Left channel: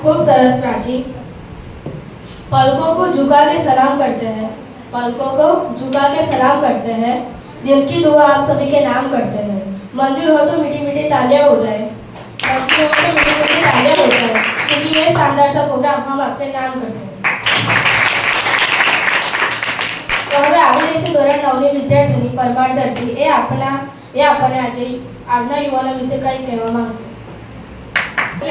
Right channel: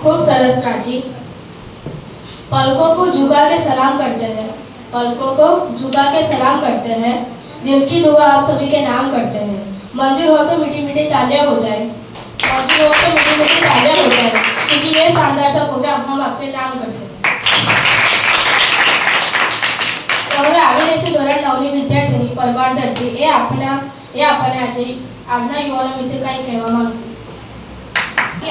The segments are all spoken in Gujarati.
खूब सरस प्राची। पलकों को झुका के सलाम करते हैं, पलकों को झुका के सलाम करते हैं, दिल की दुआ आप सभी के नाम करते हैं। मंजूर हो तो मीठी मीठी तालियां हो जाए, मंजूर हो तो मीठी मीठी तालियां हो जाए, क्योंकि ये शानदार सा प्रोग्राम हम आपके नाम करते हैं। तो હવે આવી રહી છે ધોરણ 9ની વિદ્યાર્થીની પરમાર ધરતી એ આપણને આજે આજના યુવાનો વિશે કંઈ કહેવા માંગશે।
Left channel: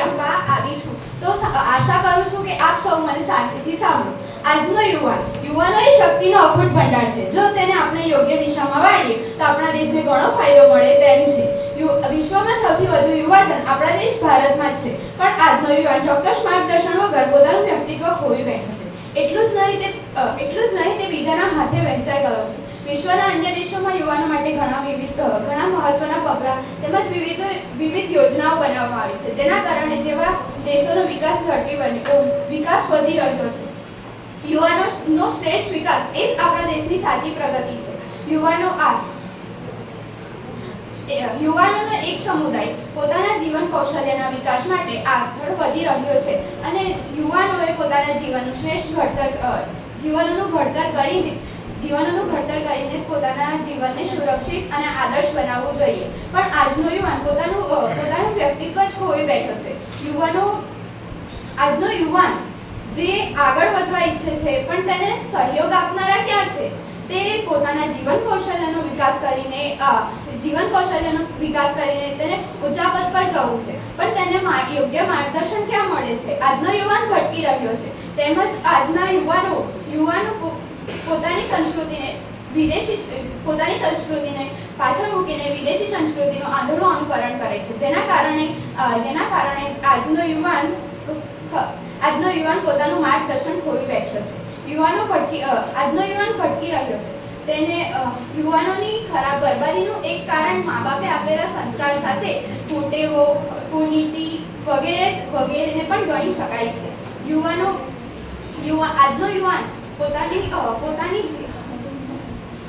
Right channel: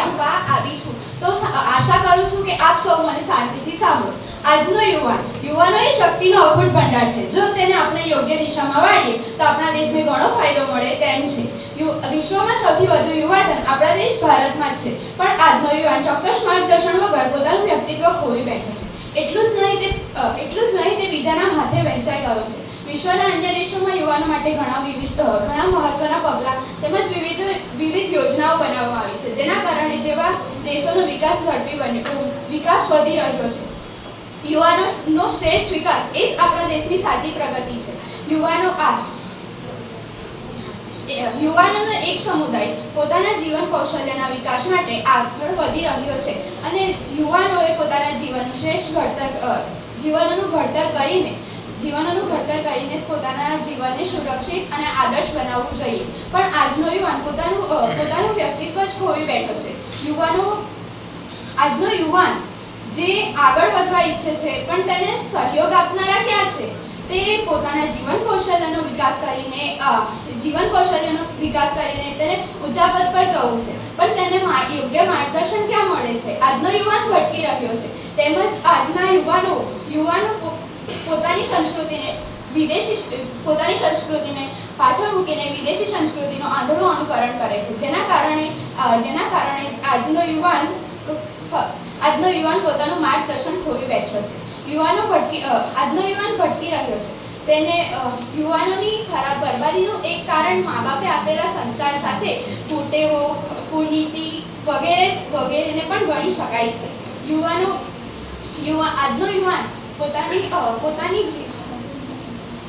આપવા આવી છું તો આશા કરું છું કે આપ સૌ મને શાંતિથી સાંભળો। આજનો યુવાનો એ શક્તિનો અખૂટ ભંડાર છે। જો તેને આપણે યોગ્ય દિશામાં વાળીએ તો આપણા દેશને ઘણો ફાયદો મળે તેમ છે। વિશ્વમાં સૌથી વધુ યુવાધન આપણા દેશ ભારતમાં જ છે, પણ આજનો યુવાન ચોક્કસ માર્ગદર્શન વગર પોતાનું વ્યક્તિત્વ ખોઈ બેઠો છે। એટલું જ નહીં તે બીજાના હાથે વહેંચાઈ ગયો છે। વિશ્વના અન્ય દેશોમાં યુવાનો માટે ઘણા મહત્વના પગલાં તેમજ વિવિધ યોજનાઓ બનાવવામાં આવી છે, જેના કારણે તેવા દેશોનો વિકાસ વધી રહ્યો છે। યુવાનોનો શ્રેષ્ઠ વિકાસ એ જ આપણા દેશની સાચી પ્રગતિ છે। યુવાનોનો એક સમુદાય પોતાના જીવન કૌશલ્યના વિકાસ માટે આગળ વધી રહ્યો છે અને યુવાનોએ પોતાના જીવનનું ઘડતર કરીને પોતાના જીવનને સુરક્ષિત અને આદર્શ બનાવવું જોઈએ। પણ આજનો યુવાન પોતાનું વ્યક્તિત્વ જ ખોઈ બેઠો છે। આજનો યુવાન જે આગળ વધવા ઈચ્છે છે, પણ તેને સહયોગ આપનારા ક્યાં છે? તે પોતાના જીવન કૌશલ્યનો વિકાસ કરીને તેને ઊંચા પદ પર જવું છે, પણ તેને યોગ્ય માર્ગદર્શન ક્યાં મળે છે? આજનો યુવાન ભટકી રહ્યો છે, તેમજ આજના યુવાનો પોતાની સંસ્કૃતિને પાછળ મૂકીને વિદેશી સંસ્કૃતિનો આંધળું અનુકરણ કરે છે, જેના કારણે આજનો યુવાન પોતાનું માર્ગદર્શન ખોઈ બેઠો છે। આજનો યુવાન ભટકી રહ્યો છે। તેને યુવાનોની ખરાબ બરબાદીનું એક કારણ મા બાપે આપેલા સંસ્કાર સાથે કુટેવો, કુનીતિ વગેરેને પણ ગણી શકાય છે।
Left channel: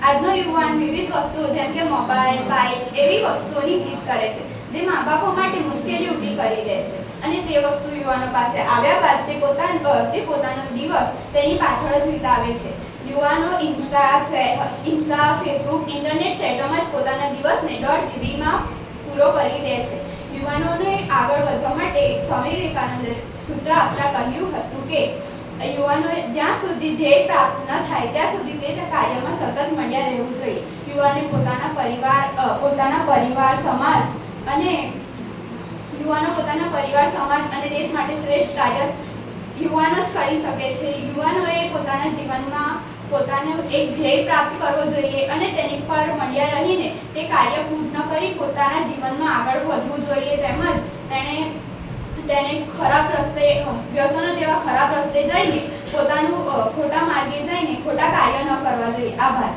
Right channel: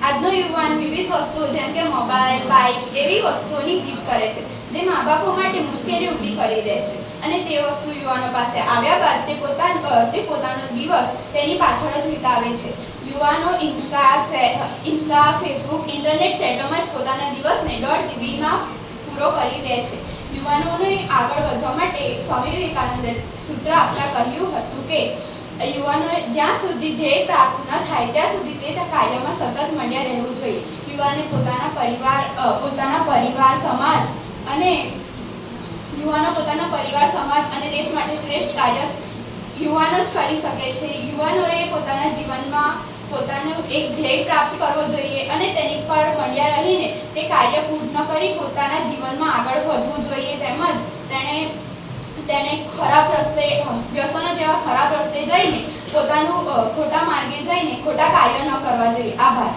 આજનો યુવાન વિવિધ વસ્તુઓ જેમ કે મોબાઈલ, બાઇક એવી વસ્તુઓની જીદ કરે છે, જે મા બાપો માટે મુશ્કેલી ઊભી કરી દે છે, અને તે વસ્તુ યુવાનો પાસે આવ્યા બાદ તે પોતાનો દિવસ તેની પાછળ જ વિતાવે છે। યુવાનો ઇન્સ્ટા, ફેસબુક, ઇન્ટરનેટ ચેટોમાં જ પોતાના દિવસને 1.5 GBમાં પૂરો કરી દે છે। યુવાનોને આગળ વધવા માટે સ્વામી વિવેકાનંદે સૂત્ર આપતા કહ્યું હતું કે યુવાનોએ જ્યાં સુધી ધ્યેય પ્રાપ્ત ન થાય ત્યાં સુધી તે કાર્યમાં સતત મળ્યા રહેવું જોઈએ। યુવાને પોતાના પરિવાર, સમાજ અને દેશ માટે શ્રેષ્ઠ કાર્ય યુવાનો જ કરી શકે છે। યુવાનોએ પોતાના જીવનમાં પોતાનું એક ધ્યેય પ્રાપ્ત કરવો જોઈએ અને તેની પર મળ્યા રહીને તે કાર્ય પૂર્ણ કરી પોતાના જીવનમાં આગળ વધવું જોઈએ। તેમજ તેણે વ્યસનો જેવા ખરાબ રસ્તે જઈને ખોટા માર્ગે જઈને ખોટા કાર્ય ન કરવા જોઈએ। આભાર।